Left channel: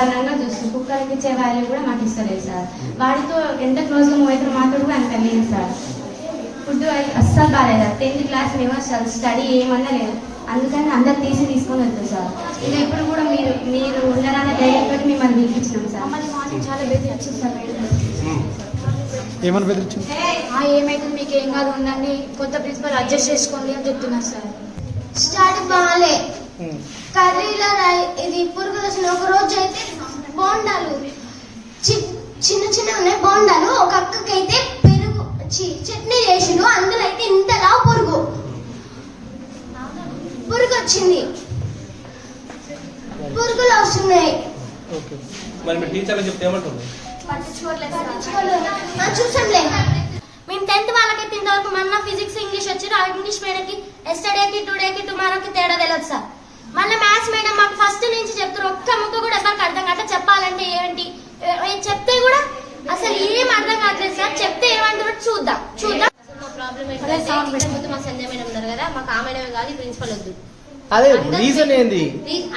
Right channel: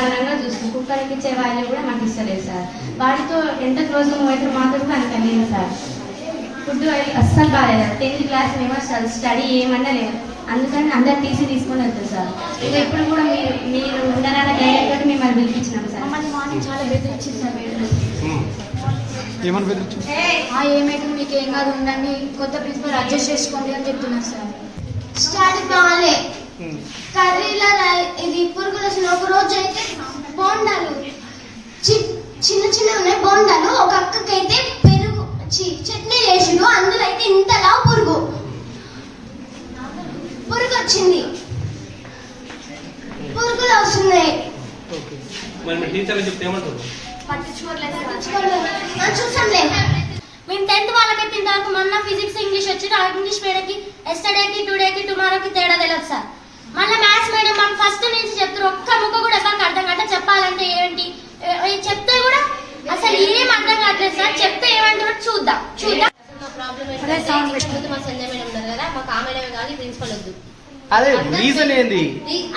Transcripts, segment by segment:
దారుణంగా చూస్తుంది. కుక్కలకి ఇచ్చే వాల్యూ కూడా మాకు ఇస్తలేదు సార్. వాడితో ఎంత క్లోజ్గా మూవ్ అవుతారో మాతో కూడా అంత లేదు సార్. ఫుడ్ అస్సలు బాగాలేదు సార్. 10th క్లాస్ మేము అసలు స్టడీ ఏమన్నా లేదు. అందుకని అందరు టీసీ తీసుకొని వెళ్తారు సార్. ఇక ఇప్పుడు కూడా మీరు ఉండరాని ధైర్యంతో మిమ్మల్ని పిలిపించినాం సార్. చాలా బెదిరించింది సార్. ఏమని బెదిరించింది? ఏమైతే మీకు ఏం కాదు ఉండండి, కొత్త ప్రిన్సిపల్ అడ్జస్ట్ చేసుకోండి అని చెప్తున్నారు సార్. స్టడీ బాగాలే, కర్రీలో ఇది పురుగులు వచ్చిన. ఒక రోజు అయితే బోండాలు చిన్న చిన్న ఉన్నాయి బోండాలు. ఒక అక్కకైతే పెరుగు చట్నీ చేసిండు, అందులో అయితే ఇంతలా పురుగు వచ్చింది. పురుగులు వస్తున్నాయి. చూసాంలే. మేము 10th వాళ్ళకైతే ఇంతవరకు మొన్న ఫిజిక్స్ ఇంగ్లీష్ వచ్చారు. ఆ ఇంగ్లీష్ మేడంకి ఎస్టర్డేకి టుడేకి టుమారోకి తేడా తెలియదు సార్. మళ్ళీ మ్యాథ్స్ మేడం మాకు ఫస్ట్ నుంచి చెప్తారు. ఒక్క ముక్క కూడా ఎవరికి అర్థం కావట్లే. చెప్పాలంటే ఏంటి చెప్తే కూడా అసలు ఏం అర్థం కావట్లేదు సార్. చెప్తే ఏమంటారో చూద్దాం. మా ప్రాబ్లం ఏంటంటే మా సంధ్య మేడం ఉన్నారు కదా, మాకు ఆ మేడం కాదు, ప్రిన్సిపల్ వద్దు. అదే రీజన్ ఏంది?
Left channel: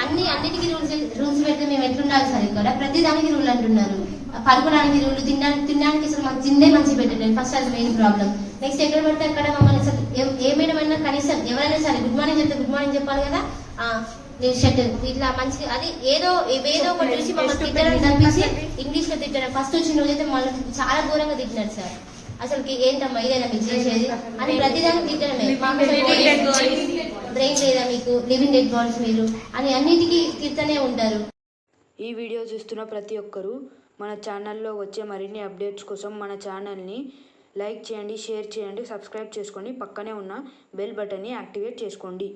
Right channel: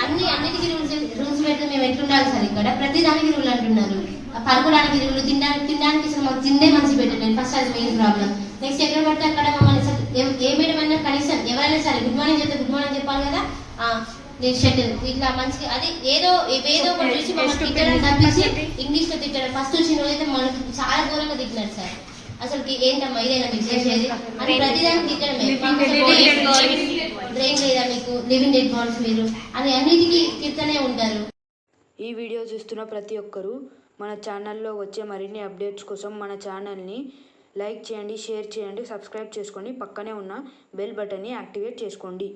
అన్నిటికీ రూల్స్ పెడితే మేము ఎట్లుండాలి సార్? ఇక్కడ ప్రతి దానికి రూల్ అంటున్నారు. పడుకోవడానికి రూల్, తినడానికి అసలు మాకు తిండే మంచి పెట్టండి. ఫస్ట్ అది మెయిన్ ప్రాబ్లం. నెక్స్ట్ ఎక్కడ పడితే అక్కడ మమ్మల్ని ఏ మేడం అయినా కనీసం ఎవరైనా సరే గుడ్ మార్నింగ్ చెప్తే గుడ్ మార్నింగ్ చెప్పాలి కదా. షెటిల్ ఇట్లా మంచిగా అది ఏదో ఒకటి చూసి మమ్మల్ని తిట్టడం తప్పించి ఇంగ్లీష్ లో తిట్టడం. ఫస్ట్ వచ్చిన రోజైతే మనకి చాలా దూరంగా తిట్టినారు సార్. అసలు ఏంటమ్మా ఇదేనా మీకు చేసేది అని ప్రతిదానికి తిట్టడమే. బ్రెయిన్ లేదా మీకు, లివింగ్ డెడ్ బాడీస్ మీరు అని అన్నిటికీ తిడుతూనే ఉంటారు. ఈ వీడియో చూస్తున్న ప్రతి ఒక్కరూ మన ఛానల్లో వచ్చే మరిన్ని అప్డేట్స్ కోసం మన ఛానల్ని లైక్ చేయండి, షేర్ చేయండి, సబ్స్క్రైబ్ చేసుకోండి. పక్కనే ఉన్న బెల్ బటన్ని యాక్టివేట్ చేసుకోండి.